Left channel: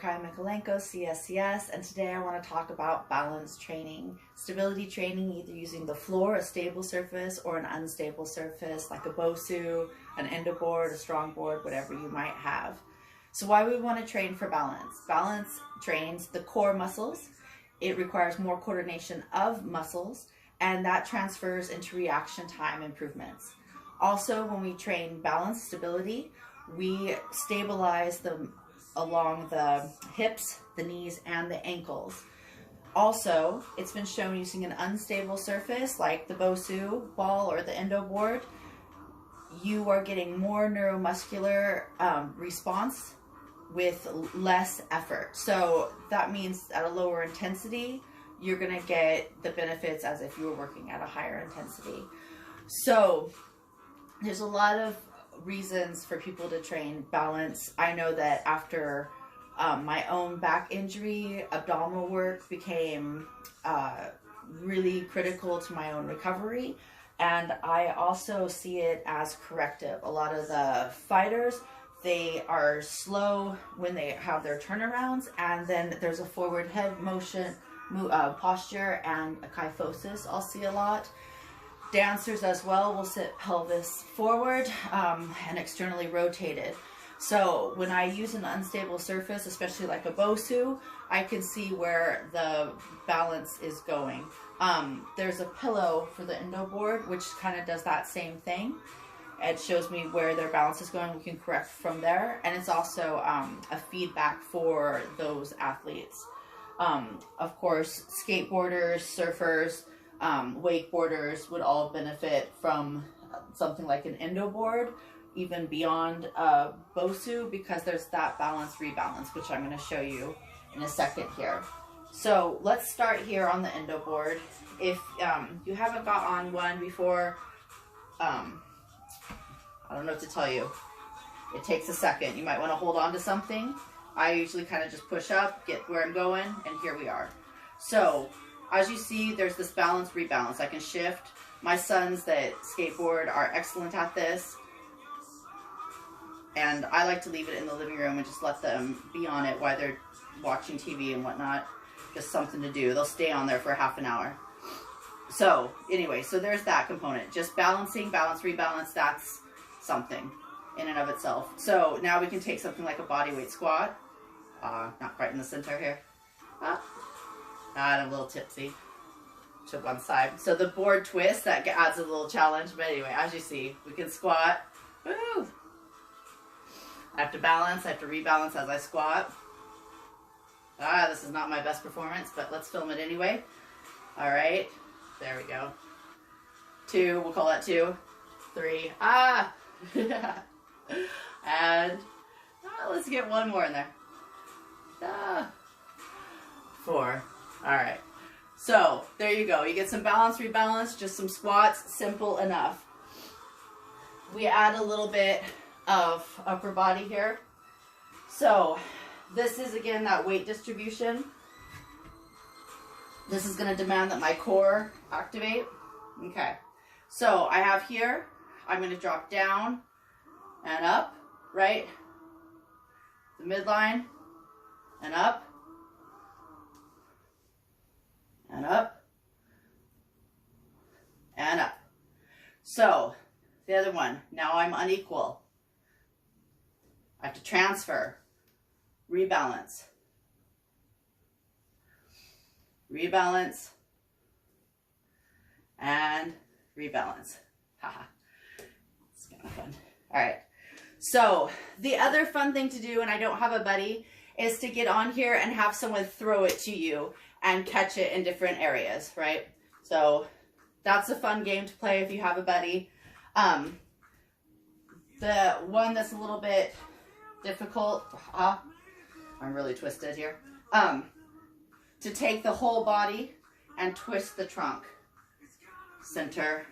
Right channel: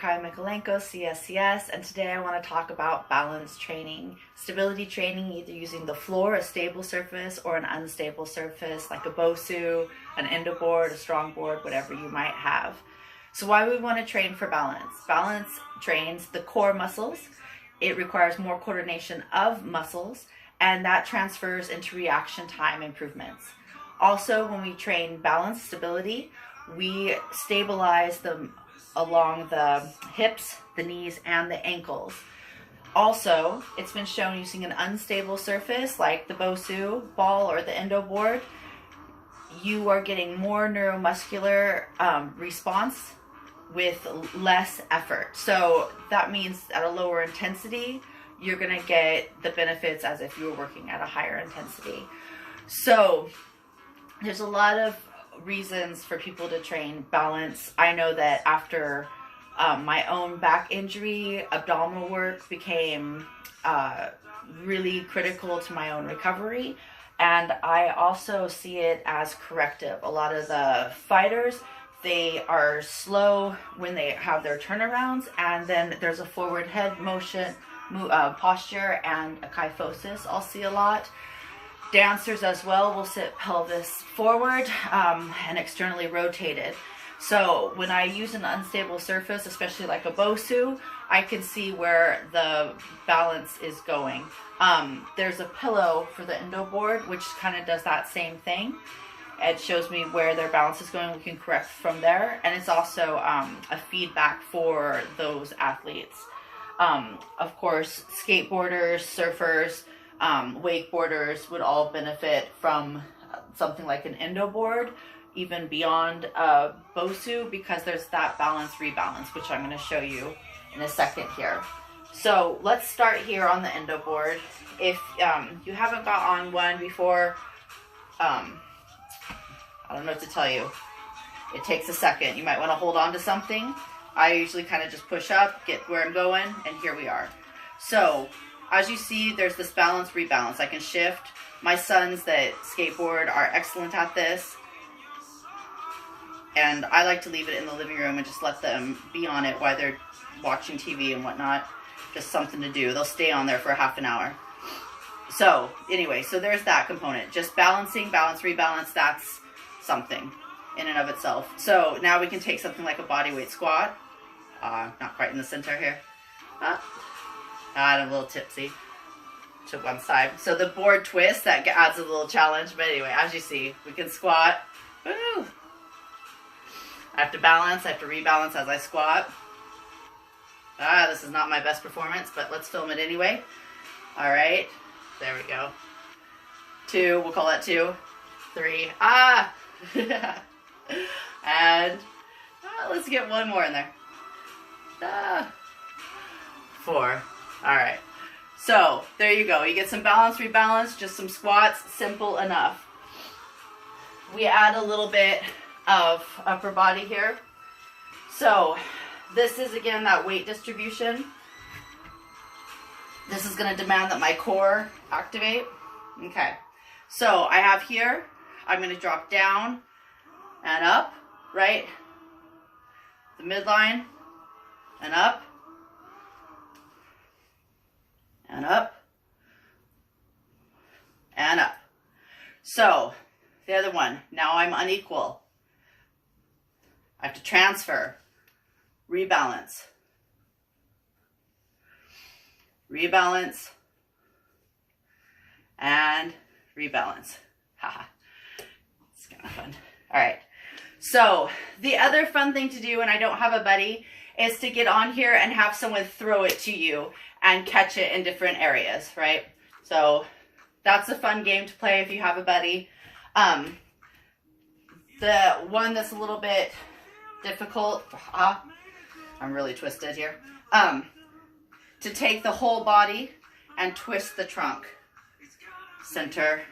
Mikalenko, CSCS, and today I want to talk about balance training, stability training, either using the floor, a stable surface, or an unstable surface like a Bosu, an Indo board, a strong board, whatever you might have. So why we want to train for balance? Balance trains the core muscles. It requires more coordination of muscles, and that transfers into reaction time improvements. Also, when we train balance stability, we stabilize them along the hips, the knees, and the ankles. Also, it's been shown using an unstable surface like the Bosu ball or the Indo board, you are getting more neuromuscular response with less effort. So that means at a lower intensity, you're gonna get the benefits as if you were working at a higher intensity. So there's a lot of reasons for people to train balance. I know that after my own back injury, abdominal work became really critical to my own recovery. And I also see it as corrective. A lot of the fighters, they are slow when they have their turnarounds, and then there's a forward head motion, posture, and a kyphosis I'll see a lot. Dancers as well will sit pelvis forward and externally rotated. So when I use an unstable surface, especially like a Bosu, I can see where the balance is going. There's a pillow for the Indo board, which kind of does that same thing. It shows me where their balance is going. We can correct from there. And it's also a feedback for those athletes. Of course, skateboarders, surfers, wakeboarders would all benefit from something like an Indo board, even beyond Bosu, because there's that balance rebalance, which I'm going to show you in a second here. So let's start here on the Indo board. If you haven't got on one before, I don't know what to tell you. It takes a second. You might want to hold on to something. I usually kind of just push up, get where I'm going, and here we are. So as you see, there's this balance rebalance. I can shift. My sons that skateboard are excellent at this. And I like to leave it in the living room and just let them be on it while they're watching TV and whatnot. Just something to do. They'll stay on there for half an hour. So anyway, so there's that component. Just balancing, balance, rebalance, that's something in and of itself. So now we can take something like a bodyweight squat. Not quite in the center here. I'm a little tipsy to one side. So the board twist, that adds a little challenge. But anyway, as you see, we can squat. Woo! I have to balance, I have to rebalance as I squat. This is not my best performance, but let's film it anyway. All right, there we go. 2, we'll call that 2. 3, and let's get one more in there. 4, all right. So there you go. You get some balance, rebalance, just some squats, simple enough. We add a little bit of upper body here. So this is again that weight distribution. This is going to demand that my core activate. Okay, so I have here, I'm going to drop down and up, right? The midline and up and up and up. So the other one, now I'm unequal. I have to transfer, rebalance, rebalance, and rebalance. Haha, it's kind of fun. All right, so the other fun thing to do, and I don't have a buddy, is to get on here and have someone throw it to you and catch it in different areas, right? So that's a fun game to play if you have a buddy. The one that's a little bit difficult, I'm really twisted here, to take the whole body and twist the trunk. Center.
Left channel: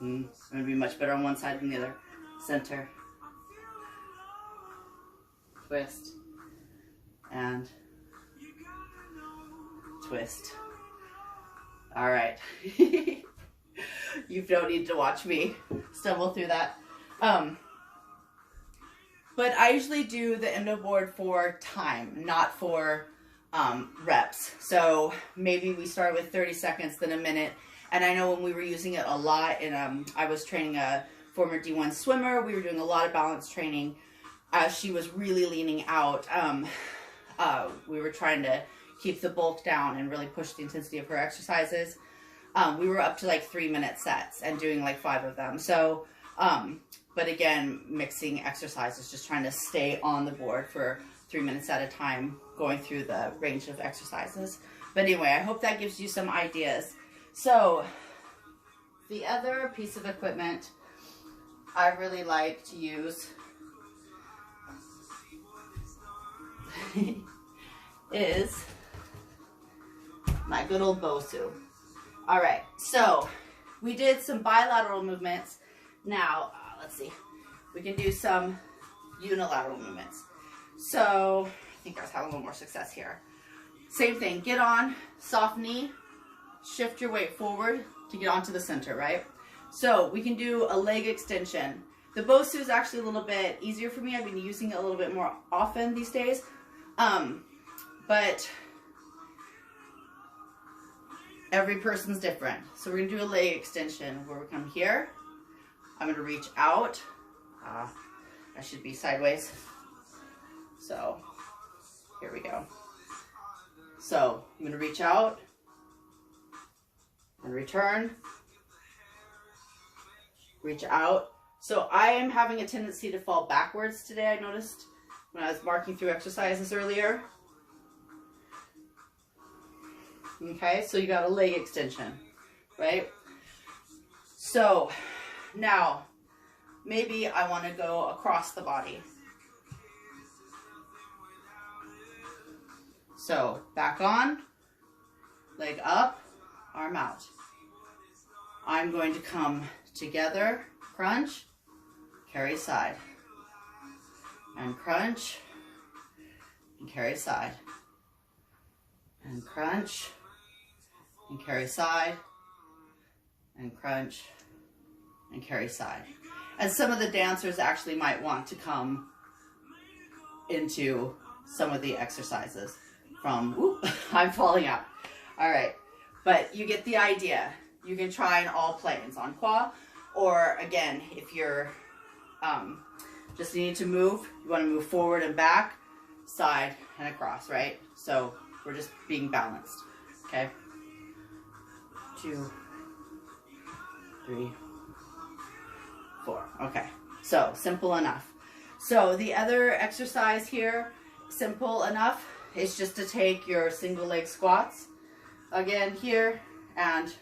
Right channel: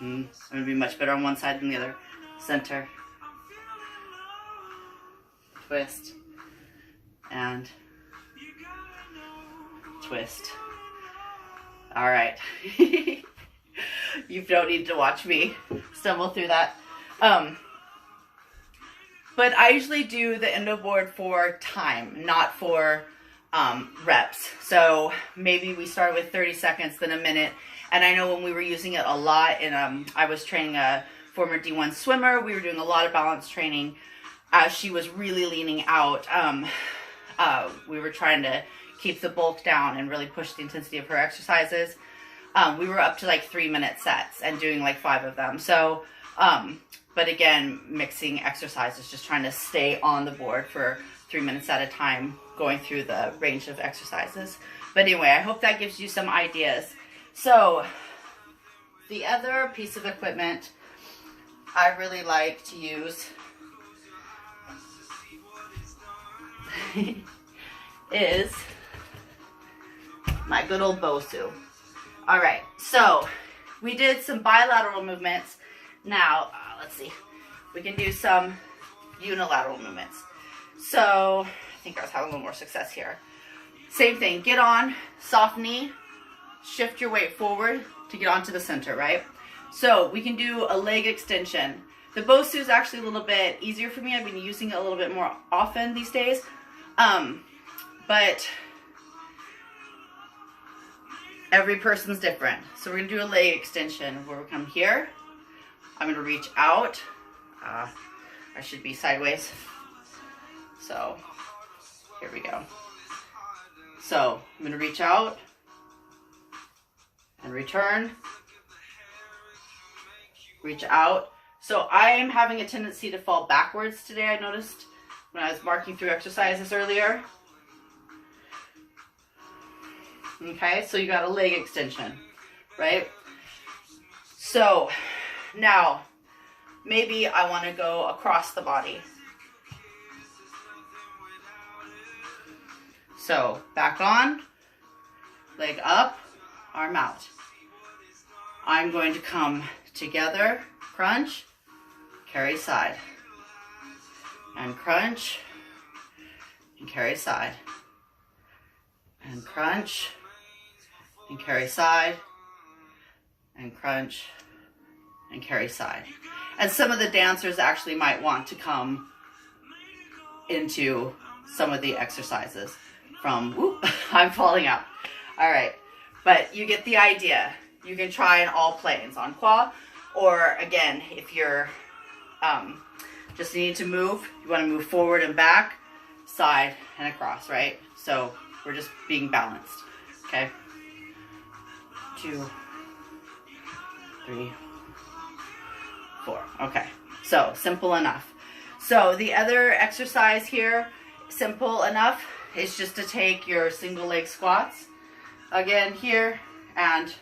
I'm going to be much better on one side than the other. Center. Twist. And twist. All right. You don't need to watch me stumble through that. But I usually do the Indo board for time, not for reps. So maybe we start with 30 seconds, then a minute. And I know when we were using it a lot, and I was training a former D1 swimmer, we were doing a lot of balance training as she was really leaning out. We were trying to keep the bulk down and really push the intensity of her exercises. We were up to like 3-minute sets and doing like 5 of them. So, but again, mixing exercises, just trying to stay on the board for 3 minutes at a time, going through the range of exercises. But anyway, I hope that gives you some ideas. So the other piece of equipment I really like to use is my good old Bosu. All right, so we did some bilateral movements. Now, let's see, we can do some unilateral movements. So I think I was having a little more success here. Same thing, get on, soft knee, shift your weight forward to get onto the center, right? So we can do a leg extension. The Bosu is actually a little bit easier for me. I've been using it a little bit more often these days. But every person's different. So we're gonna do a leg extension where we come here. I'm gonna reach out. I should be sideways. So here we go. So I'm gonna reach out and return. Reach out. So I'm having a tendency to fall backwards today, I noticed when I was marking through exercises earlier. Okay, so you got a leg extension, right? So now maybe I want to go across the body. So back on, leg up, arm out. I'm going to come together, crunch, carry side, and crunch, and carry side, and crunch, and carry side, and crunch, and carry side. And some of the dancers actually might want to come into some of the exercises from, whoop, I'm falling out. All right, but you get the idea. You can try in all planes, on qua, or again, if you're just need to move, you want to move forward and back, side and across, right? So we're just being balanced, okay? 2, 3, 4. Okay, so simple enough. So the other exercise here, simple enough, is just to take your single leg squats again here, and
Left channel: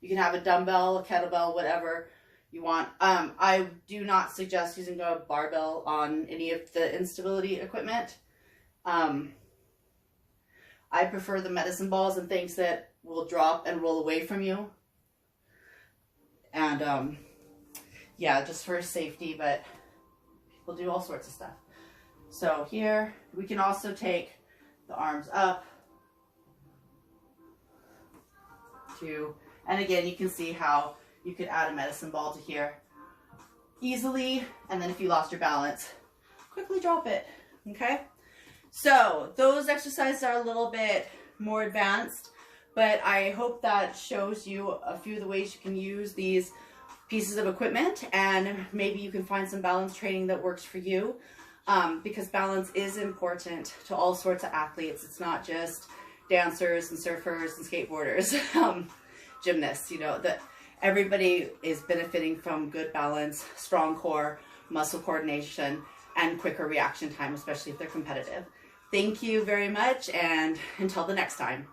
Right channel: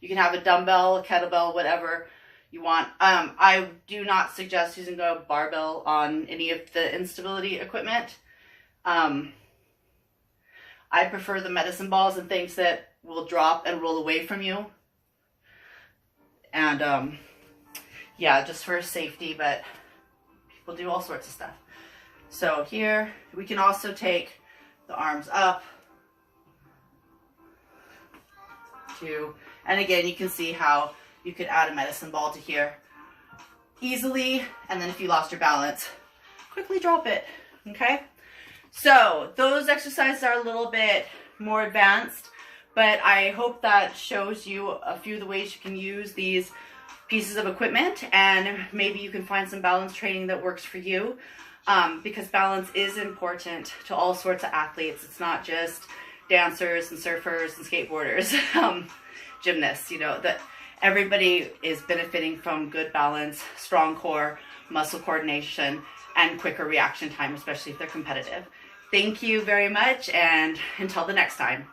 you can have a dumbbell, a kettlebell, whatever you want. I do not suggest using a barbell on any of the instability equipment. I prefer the medicine balls and things that will drop and roll away from you. And yeah, just for safety, but people do all sorts of stuff. So here, we can also take the arms up to, and again, you can see how you could add a medicine ball to here easily. And then if you lost your balance, quickly drop it, okay? So those exercises are a little bit more advanced, but I hope that shows you a few of the ways you can use these pieces of equipment, and maybe you can find some balance training that works for you, because balance is important to all sorts of athletes. It's not just dancers and surfers and skateboarders, gymnasts, you know, that everybody is benefiting from good balance, strong core, muscle coordination, and quicker reaction time, especially if they're competitive. Thank you very much, and until the next time.